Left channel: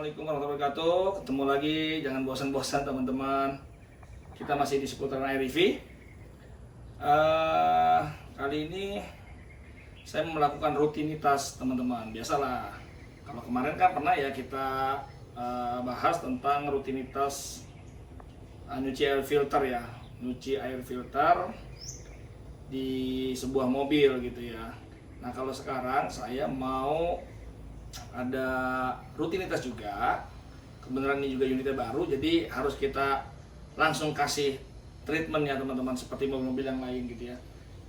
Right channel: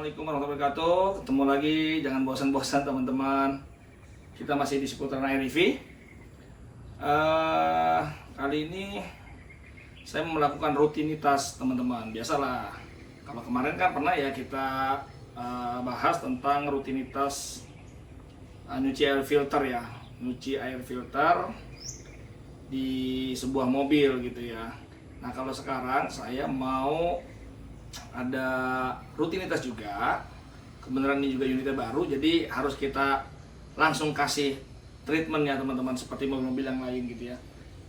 Assalamualaikum warahmatullahi wabarakatuh. Ketemu lagi, jangan bosan-bosan teman-teman. Kita masih di seputaran REV. Kali ini saya melakukan rutinitas teman-teman. Biasalah, kalau kemarin kan pernah ya kita bahas tentang rutinitas nyuci air filter ya, nyuci air filter di sebuah mobil gitu ya. Nah kalau sekarang saya mau ada rutinitas juga, kebenaran ini juga unitnya baru, jadi harus kita langsung kasih treatment ya teman-teman, seperti mobil-mobil yang lain gitu ya.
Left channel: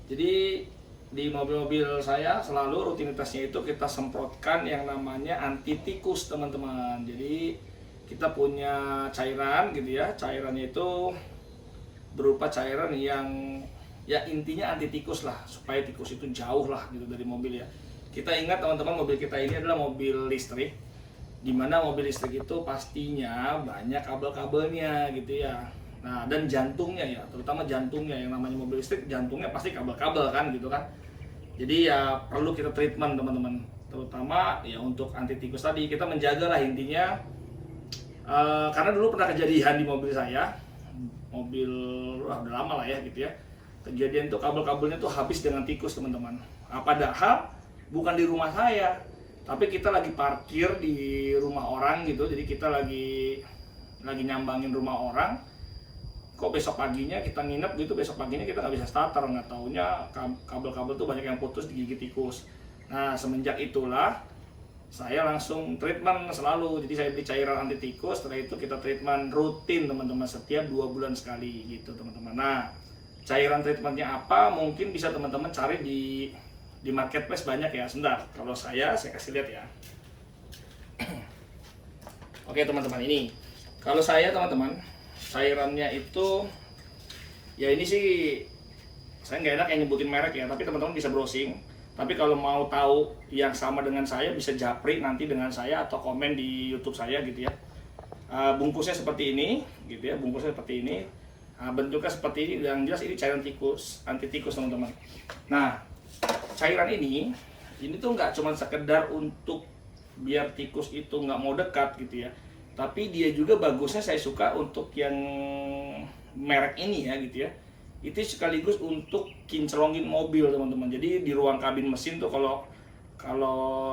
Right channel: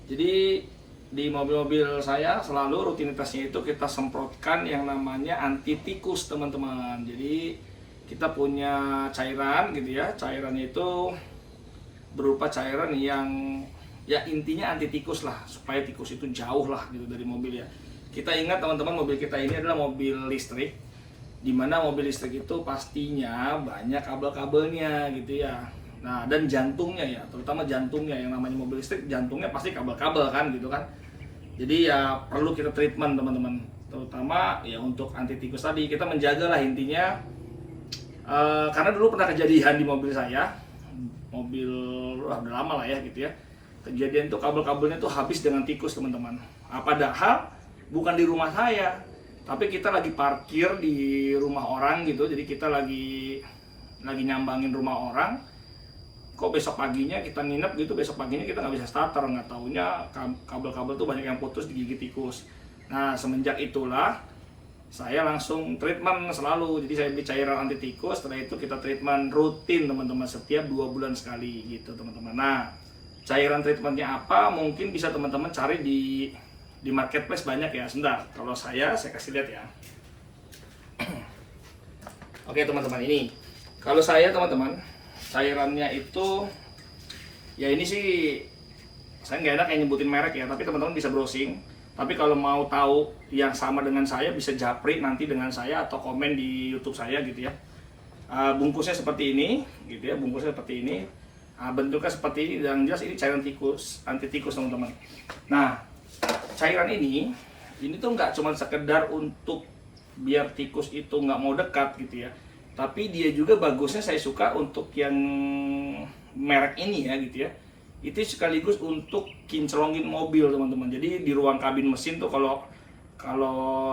Jadi di mobil-mobil saya selalu rutinitasnya itu kita semprotkan yang namanya anti tikus teman-teman. Jadi kita punya cairan gitu ya, cairannya itu berupa cairan yang ya intinya anti tikus lah, supaya tikus itu jauh lah gitu dari mobil ya. Kita ingat teman-teman, mobil kita ini adalah mobil listrik, dimana mobil listrik itu pastinya banyak kabel-kabelnya gitu ya. Nah dan jantungnya ya, terutama jantungnya, yang namanya mobil listrik jantungnya pasti kabel-kabel kan gitu kan. Jadi ya perlu kita treatment teman-teman, terutama ya untuk anti tikus tadi. Kita menjaga lah intinya, karena dulu pernah kejadian di mobil saya, mobil udah lama lah ya gitu ya. Kejadian itu kabel-kabelnya itu habis dengan tikus teman-teman. Padahal bukan di rumah saya, tapi kita lagi parkir di rumah orang gitu. Jadi kita lagi nyambangin rumah orang. Kok besok paginya kita nginep gitu, besok paginya kita nggak bisa starter, nggak taunya kabel-kabel tuh banyak yang putus digigit tikus. Nah semenjak itulah saya langsung treatment selalu. Jadi saya beli cairan anti tikus, setelah itu kita treatment rutin teman-teman, setiap 2 bulan sekali gitu teman-teman. Nah cairan treatmentnya apa, mungkin bisa teman-teman cari di marketplace, banyak ya. Sebentar, kalau saya kasih lihat ya. Oke teman-teman, ini kalau saya teman-teman, cairannya itu ya ini sih saya nggak enak yang nyebutin merek ya, tapi teman-teman bisa browsing. Tapi kalau mau tahu yang sama dengan saya, bisa japri nanti dengan saya atau komen di YouTube saya gitu ya. Bungkusnya seperti ini gitu ya, bungkusnya seperti ini. Bentuknya seperti ini, dan jelas ini cairan tikus, anti tikus teman-teman. Nah cairan ini tuh nggak cuma sekedar untuk biar tikus itu nggak mau dekat gitu ya, tapi dia juga bagusnya saya suka untuk yang merek ini ya gitu ya. Itu sekaligus untuk kinclongin mobil teman-teman. Jadi di ruang kabin mesin tuh, kalau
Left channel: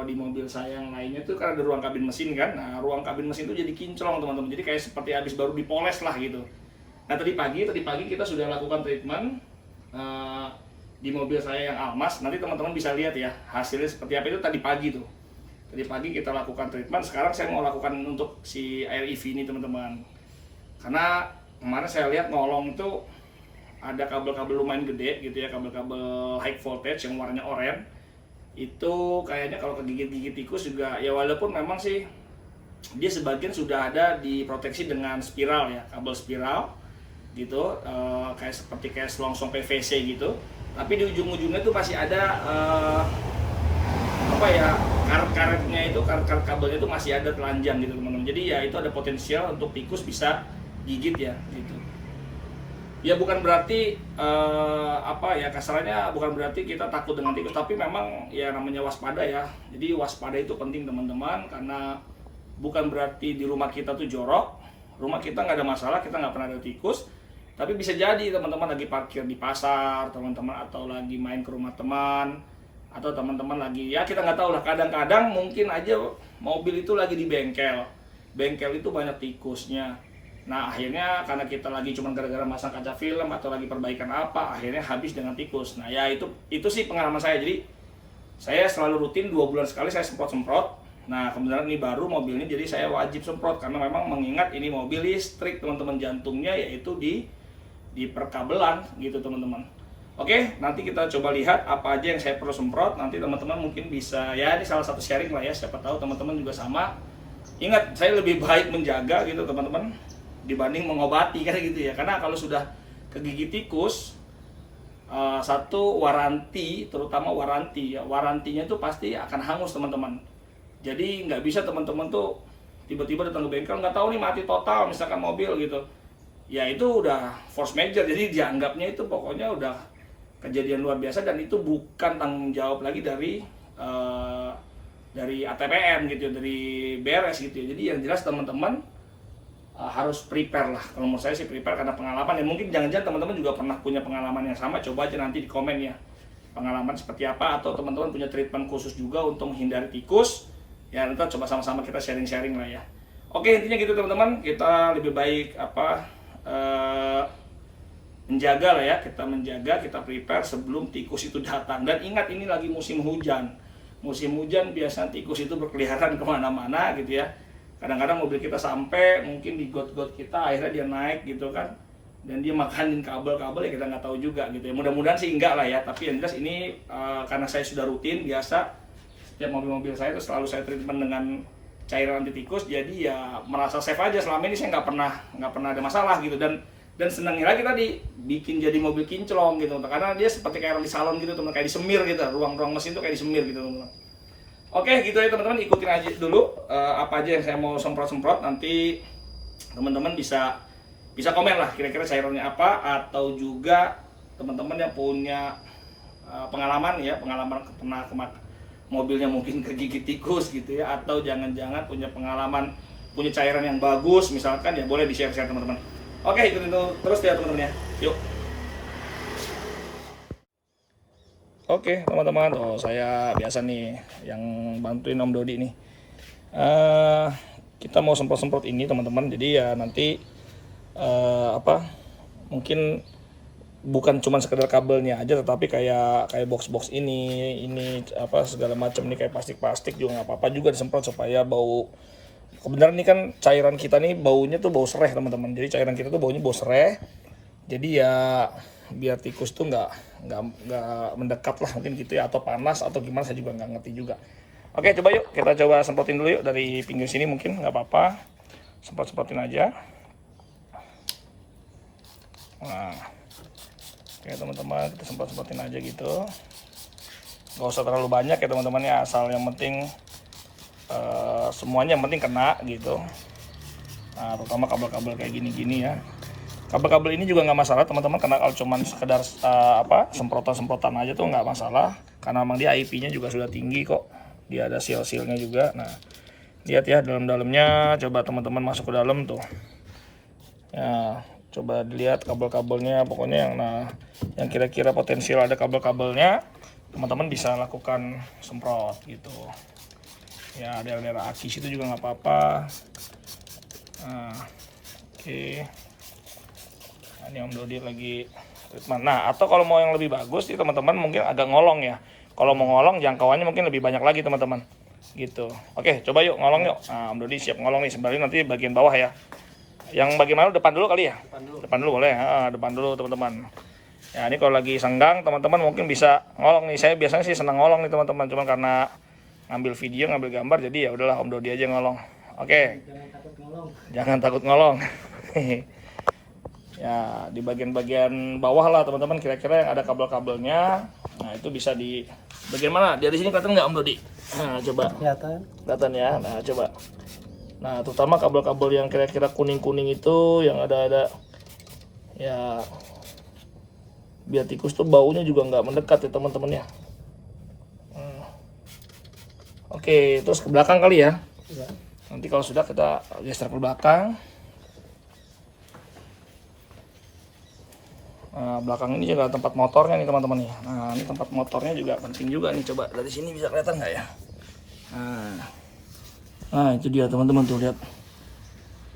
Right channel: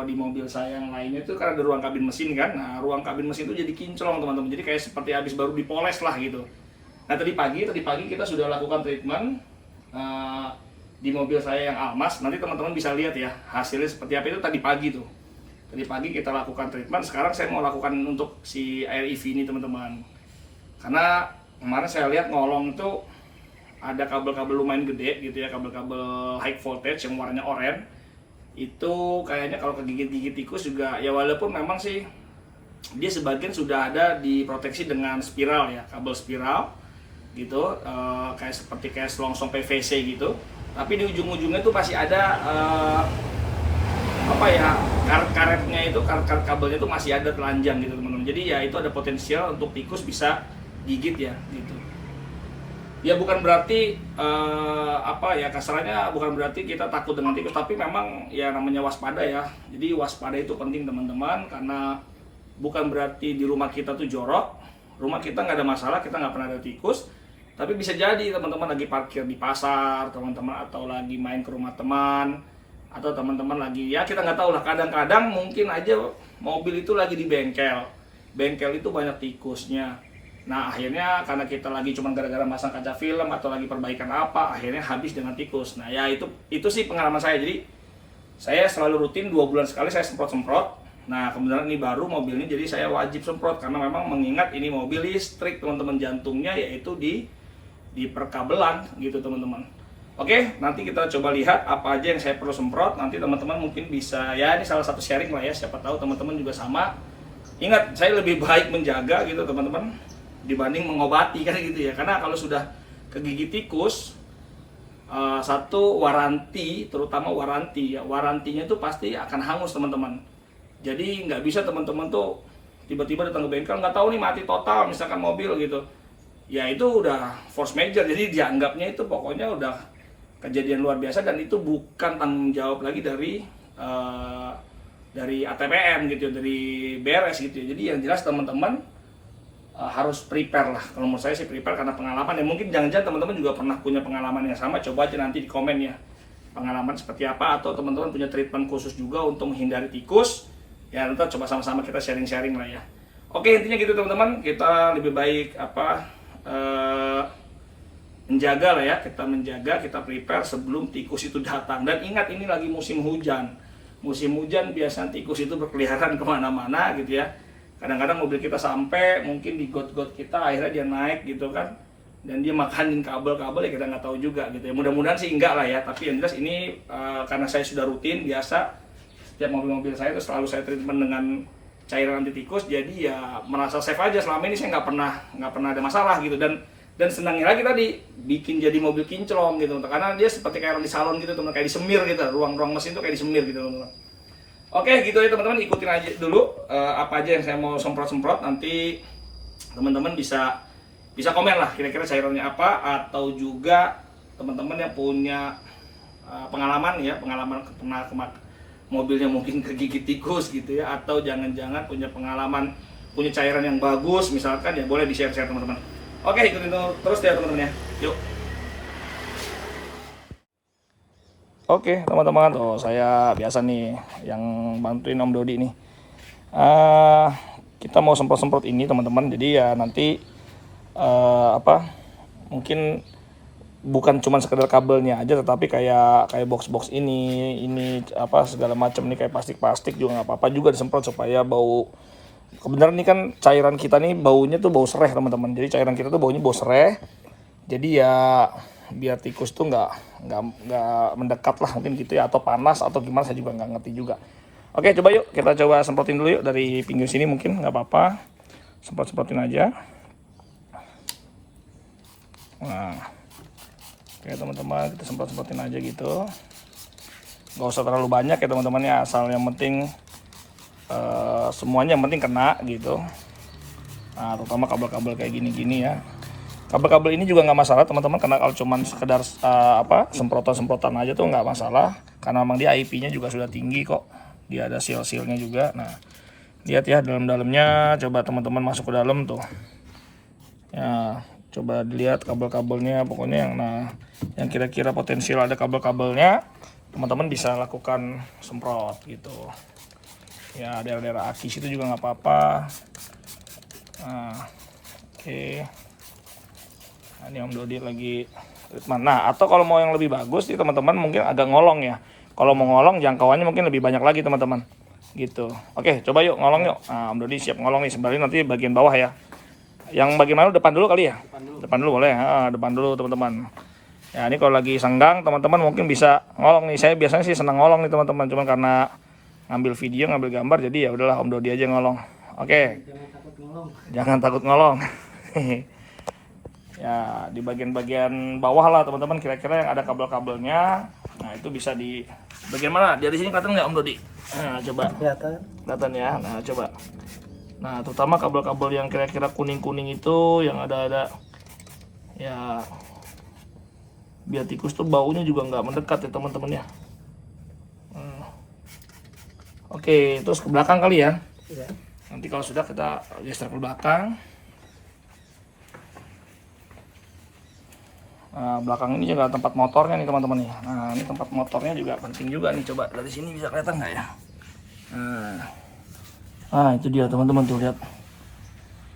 di mobil saya yang lainnya tuh karena ada ruang kabin mesin kan, nah ruang kabin mesin tuh jadi kinclong teman-teman. Jadi kayak seperti habis baru dipoles lah gitu. Nah tadi pagi kita sudah lakukan treatment di mobil saya yang Almas. Nanti teman-teman bisa lihat ya hasilnya seperti apa. Itu tadi pagi tuh. Tadi pagi kita lakukan treatment. Sekarang saya mau lakukan untuk si REV ini teman-teman. Karena kemarin saya lihat ngolong itu ada kabel-kabel lumayan gede gitu ya, kabel-kabel high voltage yang warnanya oranye. Itu kayaknya kalau kegigit-gigit tikus juga ya, walaupun memang sih dia sebagian sudah ada diproteksi dengan spiral ya, kabel spiral gitu, kayak selongsong PVC gitu. Tapi di ujung-ujungnya tuh masih ada karet-karetnya itu, karet-karet kabelnya itu masih ada telanjang gitu teman-teman. Jadi ya itu ada potensial untuk tikus bisa gigit ya gitu. Ya bukan berarti kasarnya bukan berarti kita takut dengan tikus, tapi memang ya namanya waspada ya. Jadi waspada itu penting teman-teman, karena bukan berarti di rumah kita tuh jorok, rumah kita nggak ada masalah, kita nggak pernah ada tikus. Tapi bisa jadi teman-teman lagi parkir di pasar, teman-teman, atau lagi main ke rumah teman, atau teman-teman lagi, ya kita nggak tahu lah, kadang-kadang mungkin aja mobil itu lagi di bengkel itu banyak tikusnya. Nah akhirnya karena kita lagi cuma gara-gara masang kaca film atau lagi perbaikan apa, akhirnya habis dengan tikus. Nah ya itu sih pengalaman saya. Jadi saya selalu rutin 2 bulan sekali saya semprot-semprot. Nah kebetulan ini baru mobilnya, jadi saya wajib semprot karena memang mengingat ini mobil listrik teman-teman, jantungnya yaitu di perkabelan gitu teman-teman. Oke, nanti kita coba lihat apa aja yang saya perlu semprot. Nanti teman-teman mungkin bisa, ya ini salah satu sharing lah ya, siapa tahu teman-teman juga sama. Ingat, saya lebih baik menjaga gitu teman-teman dibanding mengobati kan gitu ya. Karena kalau sudah kegigit tikus, satu waranti, terutama waranti ya, warantinya itu pasti akan hangus teman-teman. Jadi nggak bisa teman-teman tuh tiba-tiba datang ke bengkel nggak tahu nih mati total misalkan mobil gitu. Ya itu udah force major, jadi dianggapnya itu pokoknya udah kejadian luar biasa, dan itu bukan tanggung jawab lagi dari ATPM gitu, dari beres gitu. Jadi yang jelas teman-teman harus prepare lah. Kalau menurut saya sih prepare karena pengalaman. Ya mungkin jangan-jangan teman-teman juga pernah punya pengalaman yang sama. Coba aja nanti di komen ya pengalaman seperti apa, atau teman-teman punya treatment khusus juga untuk menghindari tikus. Ya nanti coba sama-sama kita sharing-sharing lah ya. Oke, intinya gitu teman-teman, kita lebih baik menjaga lah ya, kita prepare sebelum tikus itu datang. Dan ingat, ini lagi musim hujan. Musim hujan biasanya tikus itu berkeliaran kemana-mana gitu ya. Kadang-kadang mobil kita sampai mungkin di got-got kita, akhirnya dia naik gitu kan, dan dia makanin kabel-kabel, ya kita nggak tahu juga gitu ya. Mudah-mudahan sih enggak lah ya, tapi yang jelas ini karena saya sudah rutin biasa, setiap mobil-mobil saya itu selalu saya treatment dengan cairan anti tikus, jadi ya merasa safe aja. Selama ini saya nggak pernah ada masalah gitu. Dan senangnya lagi tadi bikin jadi mobil kinclong gitu, karena dia seperti kayak di salon gitu teman, kayak disemir gitu, ruang-ruang mesin tuh kayak disemir gitu teman-teman. Oke, gitu ya teman-teman, ikutin aja dulu apa aja yang saya mau semprot-semprot. Nanti teman-teman bisa komen lah kira-kira cairannya apa, atau juga teman-teman yang punya pengalaman pernah mobilnya mungkin kegigit tikus gitu ya, atau jangan-jangan punya pengalaman punya cairan yang bagus misalkan, ya boleh di-share teman-teman. Oke, ikutin terus ya teman-teman ya. Yuk. Oke teman-teman, saya biasa nih yang bantuin Om Dodi nih. Kita mau semprot-semprot ini teman-teman. Jadi ya nanti mungkin bukan cuma sekedar kabelnya aja, tetapi kayak box-box ini segala macam nih, kayak plastik juga nggak apa-apa juga disemprot supaya bau. Kebenaran nih kan cairan kita nih baunya tuh bau sereh teman-teman. Jadi cairan kita tuh baunya bau sereh. Jadi ya biar tikus tuh nggak mendekat lah mungkin gitu ya, atau panas atau gimana, saya juga nggak ngerti juga. Oke, coba yuk kita semprotin dulu yuk dari pinggir sini, mungkin nggak apa-apa, semprotin aja. Nah, oke teman-teman, kita semprotin aja gitu, nggak usah terlalu banyak ya teman-teman ya, asal yang penting semuanya yang penting kena gitu. Nah, terutama kabel-kabel kayak gini ya. Kabel-kabel ini juga nggak masalah teman-teman, karena kalau cuman sekedar semprotan aja tuh nggak masalah, karena memang dia IP-nya juga sudah tinggi kok, dia ada seal-sealnya juga. Nah, lihat ya dalam-dalamnya, coba teman-teman masuk ke dalam tuh. Nah, coba dilihat kabel-kabelnya, pokoknya yang kira-kira potensial ada kabel-kabelnya, teman-teman bisa lakukan semprot gitu. Ya, daerah aki situ juga nggak apa-apa. Nah, oke. Ini Om Dodi lagi treatment. Nah, atau kalau mau yang lebih bagus nih teman-teman, mungkin agak ngolong ya. Kalau mau ngolong, jangkauannya mungkin lebih banyak lagi teman-teman. Gitu. Oke, coba yuk ngolong yuk. Nah, Om Dodi siap ngolong nih. Sebenarnya nanti bagian bawah ya. Yang bagian mana, depan dulu kali ya? Depan dulu boleh. Depan dulu teman-teman. Ya, ini kalau lagi senggang teman-teman mungkin bisa ngolong nih. Saya biasanya sih senang ngolong nih teman-teman. Cuma karena ngambil video, ngambil gambar, jadi ya udahlah Om Dodi aja ngolong. Oke. Jangan takut ngolong. Ya, di bagian bawah lah teman-teman, kira-kira yang ada kabel-kabelnya. Nah, itu bisa di bagian mana? Dari sini kelihatan nggak Om Dodi? Nah, coba. Kelihatan ya. Nah, coba. Nah, terutama kabel-kabel yang kira-kira kuning-kuning itu, yang ada ya, biar tikus tuh baunya juga nggak mendekat ya teman-teman ya. Oke, terus ke belakang kali ya. Nanti kalau sudah kita geser ke belakang. Nah, belakang ini juga tempat motornya nih teman-teman nih. Nah, ini tempat motornya juga penting juga nih. Coba dari sini bisa kelihatan nggak ya? Nah, itu dia teman-teman tuh, lihat.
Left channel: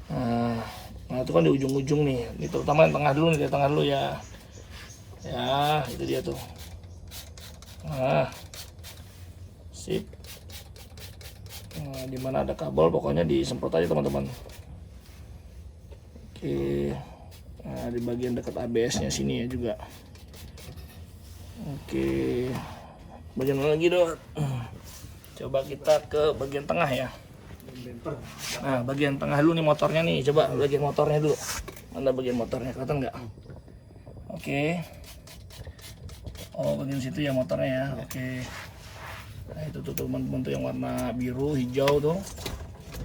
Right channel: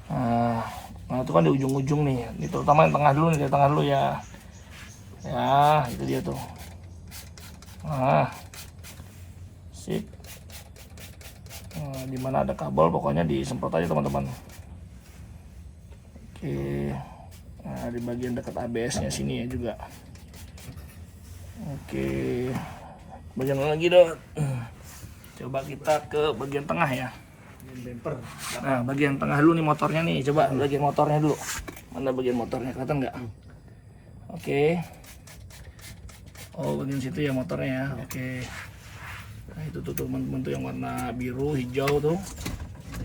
Nah, itu kan di ujung-ujung nih. Ini terutama yang tengah dulu nih, di tengah dulu ya. Ya, itu dia tuh. Nah, sip. Nah, dimana ada kabel pokoknya disemprot aja teman-teman. Oke. Nah, di bagian dekat ABS-nya sini ya juga. Oke. Bagian mana lagi, Dok? Coba kita ke bagian tengah ya. Nah, bagian tengah dulu nih motornya nih. Coba bagian motornya dulu. Mana bagian motornya, kelihatan nggak? Oke. Oh, bagian situ ya motornya ya. Oke. Nah, itu tuh teman-teman tuh yang warna biru, hijau tuh.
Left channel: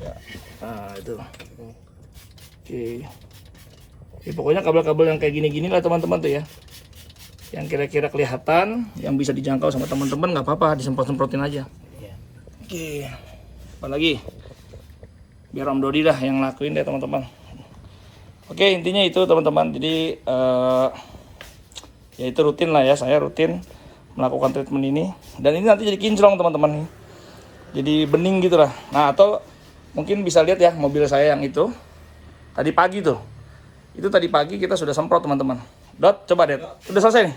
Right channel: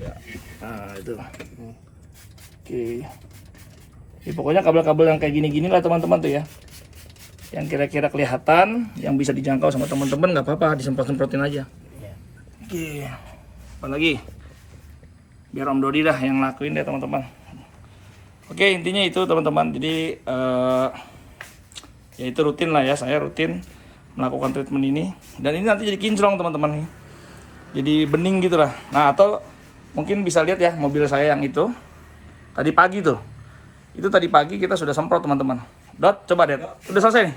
Ya. Nah, itu. Oke. Ya, pokoknya kabel-kabel yang kayak gini-gini lah teman-teman tuh ya, yang kira-kira kelihatan, yang bisa dijangkau sama teman-teman, nggak apa-apa, disemprot-semprotin aja. Oke, apa lagi? Biar Om Dodi dah yang lakuin deh teman-teman. Oke, intinya itu teman-teman. Jadi ya itu rutin lah ya, saya rutin melakukan treatment ini. Dan ini nanti jadi kinclong teman-teman nih. Jadi bening gitu lah. Nah, atau mungkin bisa lihat ya mobil saya yang itu tadi pagi tuh. Itu tadi pagi kita sudah semprot teman-teman. Dot, coba Dot. Udah selesai nih?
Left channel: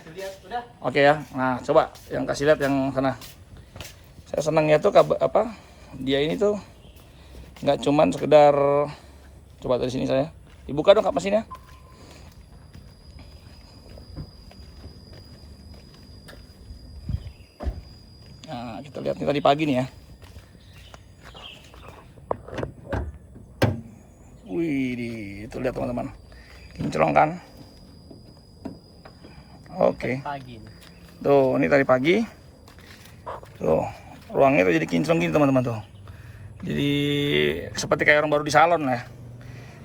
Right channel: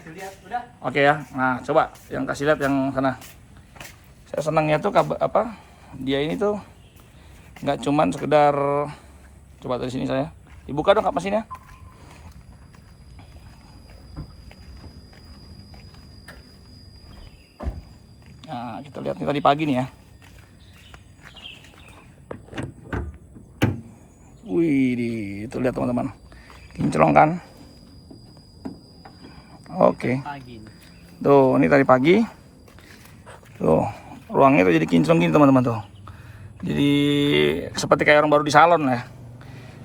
Udah. Oke ya. Nah, coba yang kasih lihat yang sana. Saya senangnya tuh dia ini tuh nggak cuman sekedar, coba dari sini saya. Dibuka dong kap mesinnya. Nah, kita lihat nih tadi pagi nih ya. Wih, itu lihat teman-teman. Kinclong kan? Oke. Tuh, ini tadi pagi. Tuh, ruangnya tuh jadi kinclong gini teman-teman tuh. Jadi seperti kayak orang baru di salon ya.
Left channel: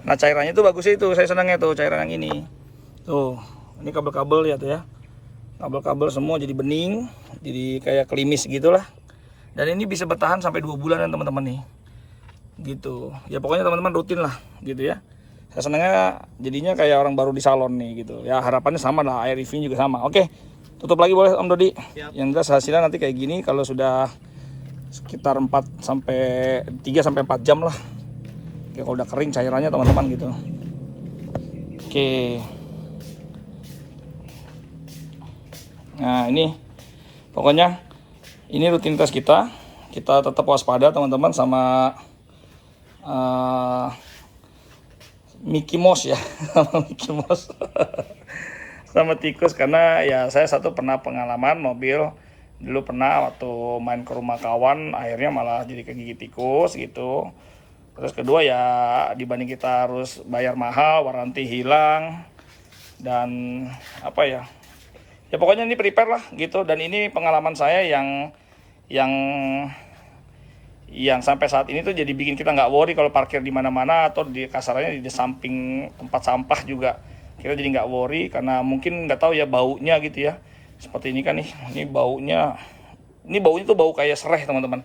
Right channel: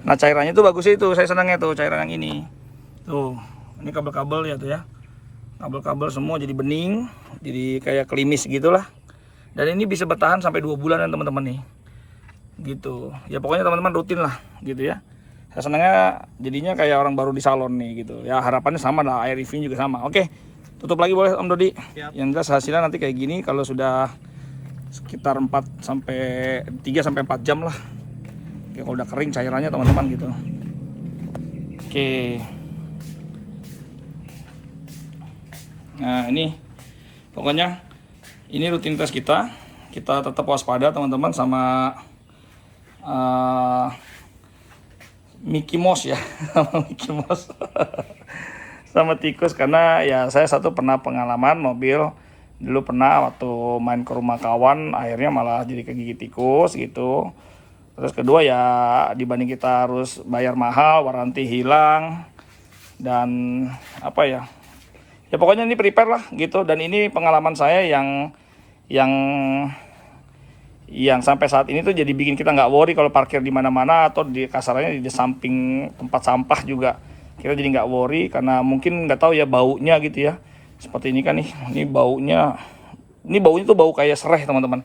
Nah, cairannya tuh bagus itu. Saya senangnya tuh cairan yang ini. Tuh, ini kabel-kabel ya tuh ya. Kabel-kabel semua jadi bening, jadi kayak klimis gitulah. Dan ini bisa bertahan sampai 2 bulan teman-teman nih. Gitu. Ya pokoknya teman-teman rutin lah gitu ya. Saya senangnya jadinya kayak orang baru di salon nih gitu. Ya harapannya sama lah, air review juga sama. Oke. Tutup lagi boleh Om Dodi. Siap. Yang jelas hasilnya nanti kayak gini kalau sudah sekitar 3 sampai 4 jam lah. Ya kalau udah kering cairannya teman-teman gitu. Oke. Nah, ini pokoknya ini rutinitas kita. Kita tetap waspada teman-teman sama Mickey Mouse ya. Sama Mickey Mouse. Sama tikus, karena ya saya pernah pengalaman mobil dulu, pernah waktu main ke rumah kawan akhirnya malah jadi kegigit tikus gitu. Terus kedua ya dibanding kita harus bayar mahal, waranti hilang, dan apa ya pokoknya ini prepare lah gitu. Dan ini pengalaman saya yang sampai saat ini tuh jadi bikin kita nggak worry kalau parkir di mana-mana atau di kasarannya di samping tempat sampah juga. Kita jadi nggak worry karena mungkin nggak tahu ya baunya gitu ya. Seperti ini kan nih, ini baunya tuh bau kayak serai teman-teman.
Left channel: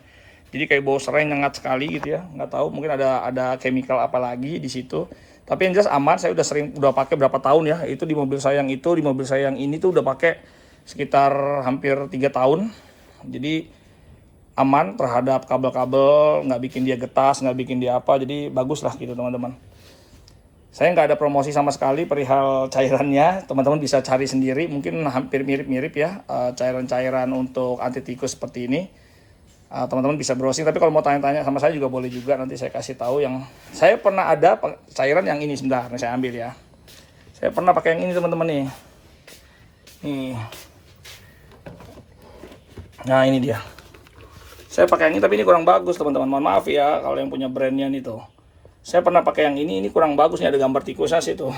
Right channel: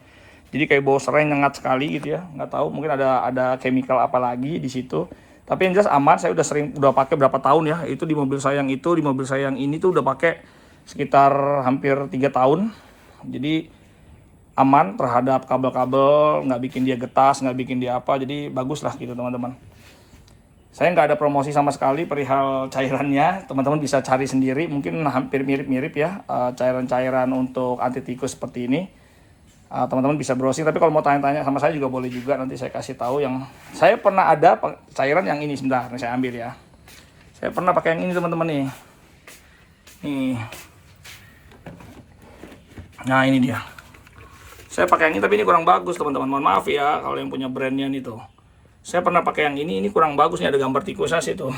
Jadi kayak bau serai nyengat sekali gitu ya. Nggak tahu mungkin ada chemical apa lagi di situ. Tapi yang jelas aman, saya udah pakai berapa tahun ya. Itu di mobil saya yang itu, di mobil saya yang ini tuh udah pakai sekitar hampir 3 tahun. Jadi aman terhadap kabel-kabel, nggak bikin dia getas, nggak bikin dia apa. Jadi bagus lah gitu teman-teman. Saya nggak ada promosi sama sekali perihal cairannya, teman-teman bisa cari sendiri, mungkin hampir mirip-mirip ya cairan-cairan untuk anti tikus seperti ini. Teman-teman bisa browsing, tapi kalau mau tanya-tanya sama saya juga boleh juga, nanti saya kasih tahu. Yang saya pernah ada cairan yang ini, sebentar nih saya ambil ya. Saya pernah pakai yang ini teman-teman nih. Nih. Nah ini dia. Saya pakai yang ini tapi ini kurang bagus teman-teman. Mohon maaf ya kalau yang punya brandnya nih tuh. Saya pernah pakai yang ini kurang bagus nih, ada gambar tikusnya sih tuh.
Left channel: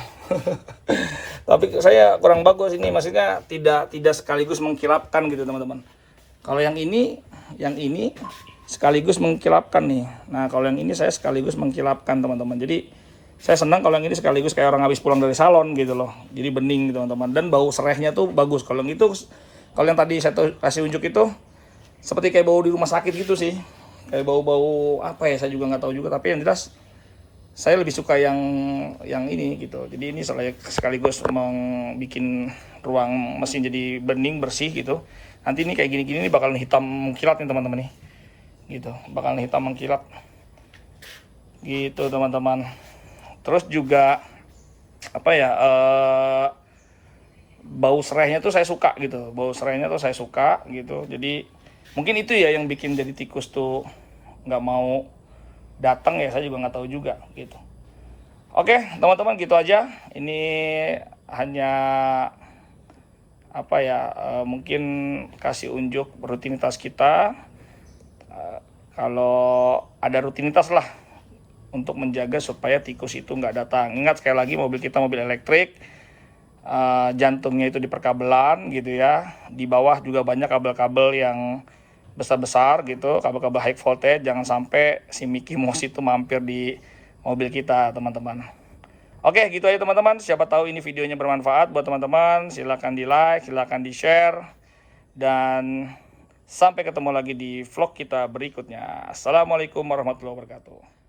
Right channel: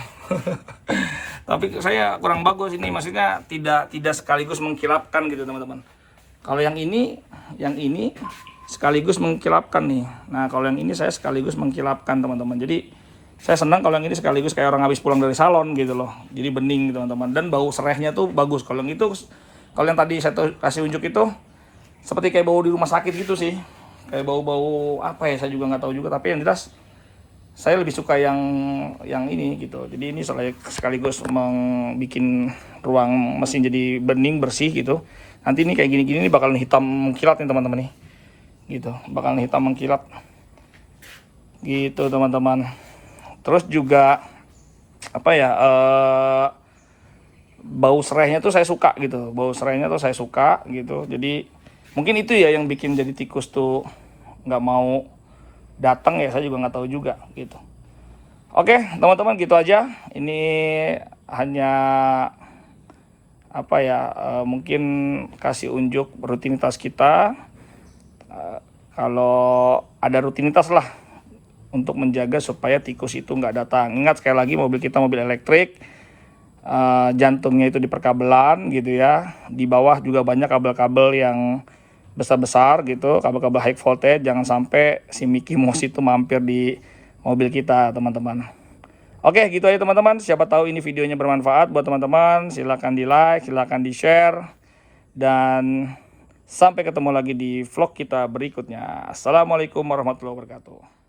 Tapi saya kurang bagus ini, maksudnya tidak sekaligus mengkilapkan gitu teman-teman. Kalau yang ini sekaligus mengkilapkan nih. Nah kalau yang ini saya sekaligus mengkilapkan teman-teman. Jadi saya senang kalau yang ini sekaligus kayak orang habis pulang dari salon gitu loh. Jadi bening gitu teman-teman. Dan bau serehnya tuh bagus. Kalau yang tadi saya kasih unjuk itu seperti kayak bau di rumah sakit gitu sih. Kayak bau-bau apa ya, saya juga nggak tahu juga. Tapi yang jelas saya lebih suka yang ini gitu. Jadi ini sekaligus bikin ruang mesin jadi bening, bersih gitu. Nanti ini kayak gini-gini nih bakalan hitam mengkilat nih teman-teman nih. Gitu, bakalan hitam mengkilat. Gitu teman-teman. Terus juga apa ya? Bau serainya tuh saya suka gitu. Bau serainya tuh saya suka gitu. Jadi mungkin itu ya yang bikin jadi tikus tuh nggak mau datang ya, saya juga nggak tahu juga gitu. Oke teman-teman, gitu aja. Ini hanya apa ya, mungkin kasih unjuk rutinitas kita. Kalau ada rutinitas lah untuk menjaga supaya tikus itu nggak datang. Ingat sekali lagi, mobil kita mobil elektrik, jantungnya itu di perkabelan gitu ya. Di bawah juga banyak kabel-kabel yang besar-besar gitu, kabel-kabel high voltage. Jangan sampai si Mickey Mouse itu mampir di mobil kita teman-teman. Oke gitu aja teman-teman. Siapa tahu ini videonya bermanfaat buat teman-teman. Silahkan di like, silahkan di share, dan Sampai ketemu lagi di vlog kita berikutnya. Assalamualaikum warahmatullahi wabarakatuh.